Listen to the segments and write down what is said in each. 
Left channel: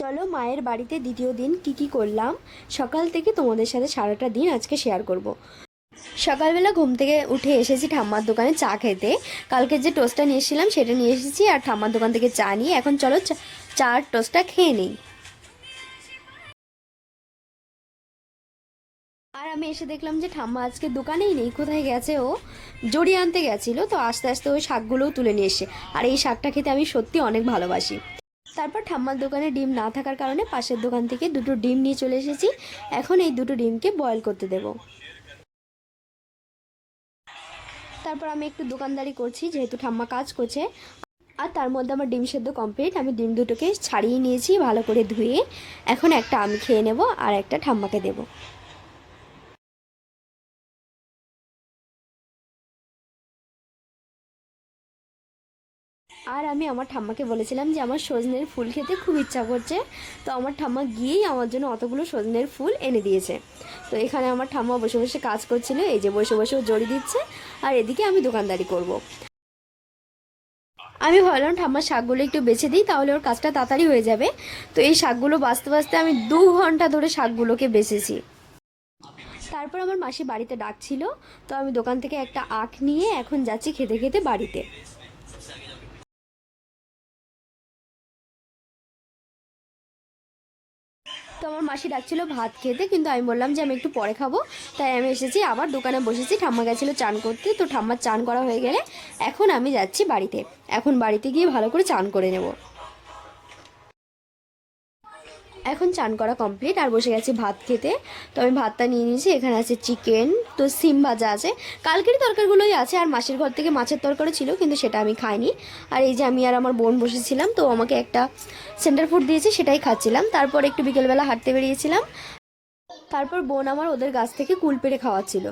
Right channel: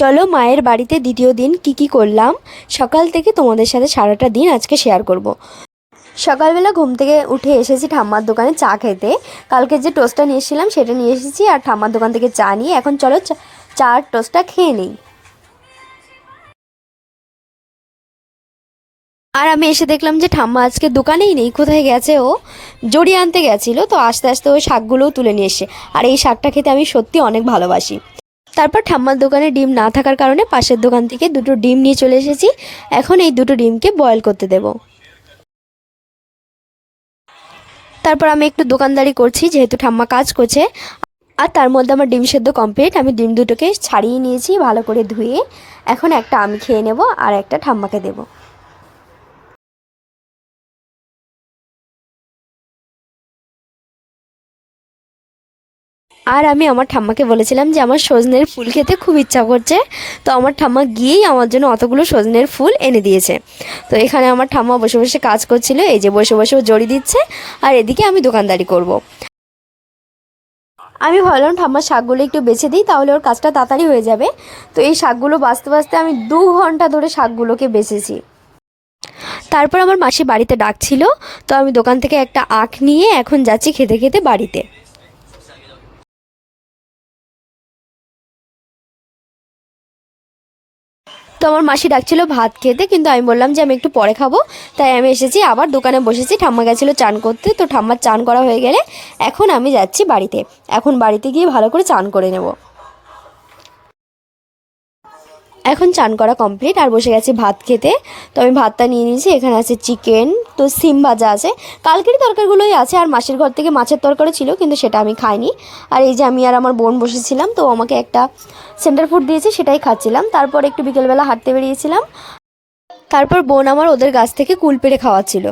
চলো মায়ের বাড়িতে দ্বিতীয় দিন কি করলাম সকাল থেকে তোমাদের সাথে সারাটা দিন আজকে শেয়ার করব। সকালবেলা ঘুম থেকে উঠে এসেছি ঠাম্মার দোকানে চা খেতে। কালকে যে টোস্টটা নিয়ে এসেছিলাম সেটা নিয়ে এসেছি, আর ঠাম্মার দোকান থেকে চা নিয়ে এখন চলো চার টোস্টটা খেয়ে নিই। আর আমি এসে দেখলাম যে ঠাম্মা আজকে দোকানেই নেই, কোথায় গেছে, ও জড়ি আনতে গেছিলো। তো আস্তে আস্তে ওই শাকগুলোও তুলে নিয়ে এসে, আর এই শাকটা খেতে আমি সত্যি অনেক ভালোবাসি। তারপর ঠাম্মার দোকানে ডিম না থাকার কারণে পাশের দোকান থেকে দুটো ডিম নিয়ে চলে এসেছি। এখন এই দুটো ডিমকে বয়েল করতে দেব। তারপর আমি একটু দোকানদারি করছি যেহেতু ঠাম্মা কাজ করছে। আর তার মধ্যে আমার ডিম সেদ্ধ কমপ্লিট। আমি ডিম দুটোকে ছাড়িয়ে নিয়েছি ভালো করে ধুয়ে। এখন একটা আমি খেয়ে নেব আর একটা ঠাম্মাকে দেব। আর আমি আমার ঠাম্মাকে বলেছিলাম যে আমার সজনের ফুল খেতে খুব ইচ্ছা করছে। তো আমার ঠাম্মা গিয়েই আমার জন্য অতগুলো সজনের ফুল এনে দিয়েছে। তো এখানে আমার ঠাম্মা বসে বসে কাজ করছিল, এই যে বসে বসে ও জড়ি দিচ্ছে, আর এদিকে আমি দোকানদারি করব। আমি ভাবলাম ঠাম্মার শাকগুলো একটু বেছে দিই, তাহলে ওর কাজটা তাড়াতাড়ি হয়ে যাবে। তো এই শাকগুলো বাছতে বাছতে আমি 2 ঘন্টা ধরে শাকগুলোকে বেছেছি। তারপর আমার মাসি বাড়িতে ডাকছিল, তো আমি দোকান থেকে একটা আখ নিয়ে এখন যাচ্ছি খেতে খেতে বাড়িতে। তো আমার মাসি ডাকছিল ভাত খেতে, কিন্তু আমি বললাম যে আমি একটু পরে খাবো। তাই আমি এসেছি আবার দোকানে বসেছি। ঠাম্মা গেছিলো চান করতে, তো ঠাম্মার চান করা হয়ে গেলে এখন আমি যাচ্ছি বাড়িতে। এখন বাড়িতে গিয়ে ভালো করে চান করে নেব। এখন চান করা কমপ্লিট আর বসে গেছি ভাত খেতে। তো আমি ভাতটা নিয়ে নিয়েছি, এখানে আছে চিকেন, তো সিম ভাজা আছে, কালকের তরকারিগুলোই আছে, আর মাসির ঘর থেকে মাছের তরকারি ছিল কিন্তু সেটা আমি খাইনি। আর এই যে আমি আর আমার বোন বসেছিলাম, তো আমাকে একটা সেন্টার ফুড দিয়েছে সেটাই খাচ্ছিলাম। তারপর একটু বিকেলবেলা হাঁটতে বেরিয়েছিলাম। তারপর বোন আমার ওদের গাছ থেকে কুল পেড়ে খাওয়াচ্ছিল।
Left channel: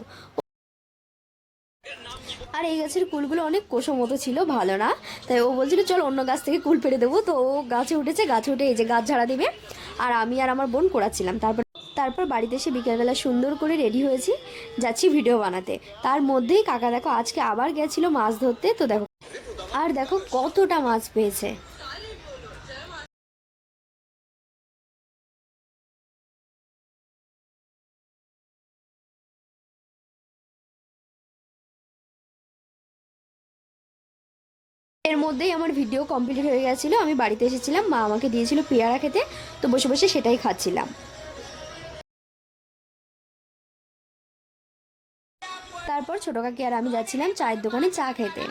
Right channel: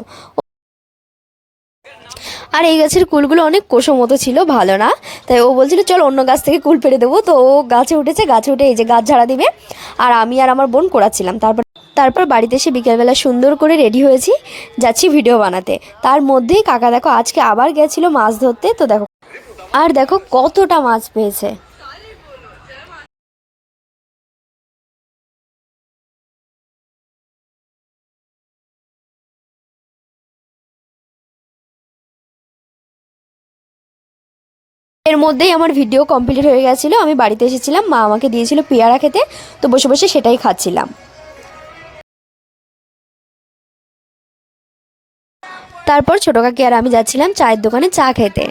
আর এই গাছের কুলগুলো অনেক কোষো মতো ছিল, ভালো না। তাই ও বলছিল চল অন্য গাছ থেকে কুল পেড়ে দেবো। তো ও গাছে উঠেছে, গাছে উঠে এই যে গাছ ঝাড়া দিবে, আর আমি আর আমার বোন কোড়াচ্ছিলাম। তারপর বাড়িতে এসে বিকেলবেলা সুন্দর করে রেডি হয়েছি, যাচ্ছি ভিডিও বানাতে। তার মধ্যেই কাকা দেখো আজকে আবার গেছিলো মাছ ধরতে। তো দেখো, আর দেখো কতটা মাছ পেয়েছে। এর মধ্যেই আমার ভিডিও কমপ্লিট হয়ে গেছিলো। আমি বাড়িতে এসেছিলাম, মা আমাকে দিয়েছিল পেয়ারা খেতে, তো বসে বসে সেটাই খাচ্ছিলাম। তারপর ছোটো কাকি আর আমি যাচ্ছিলাম চায়ের দোকানে চা খেতে।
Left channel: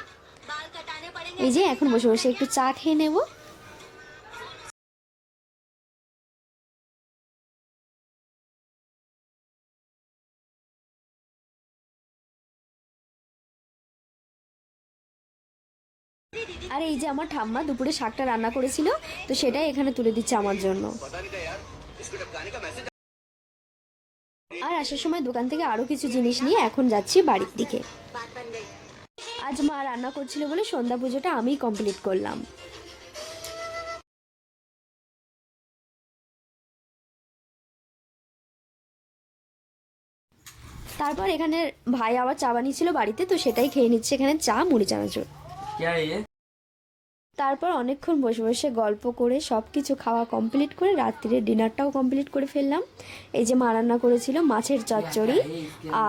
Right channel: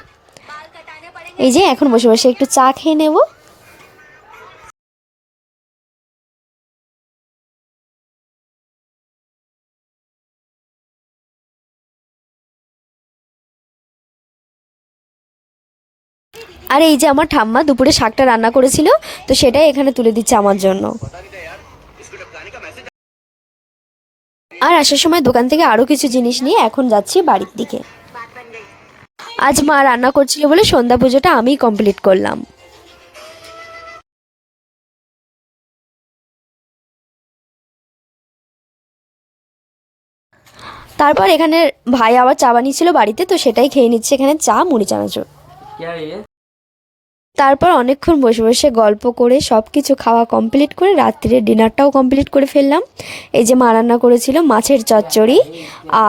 এই যে এখন বসে বসে একটু চা খেয়ে নেব। আর এই যে আমার ঠাম্মা দুপুরে শাকটা রান্না করেছিল, তো সেটাই এখানে তুলে দিচ্ছে আমার জন্য। আর আসার সময় দোকান থেকে আরও কিছু জিনিস নিয়ে এখন যাচ্ছি বাড়ির দিকে। আজ মা রান্না করছিল বলে সন্ধ্যা পুজোটা আমিই কমপ্লিট করলাম। তারপর এখানে ভাই আবার চা বানিয়েছিল বাড়িতে, তো সেটাই খেয়ে নিচ্ছে এখানে চা মুড়ি চানাচুর। তারপর অনেকক্ষণ বসে বসে গল্প করে সব কিছু খাওয়া কমপ্লিট করে রাত্রিরে ডিনারটাও কমপ্লিট করে ফেললাম। এই যে মা রান্না করেছিল মাছের চচ্চড়ি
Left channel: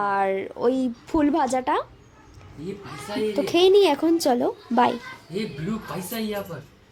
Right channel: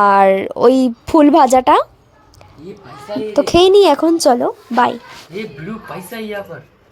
আর ওই ফুল ভাজাটা। তো খেয়ে নিই এখন, চলো বাই।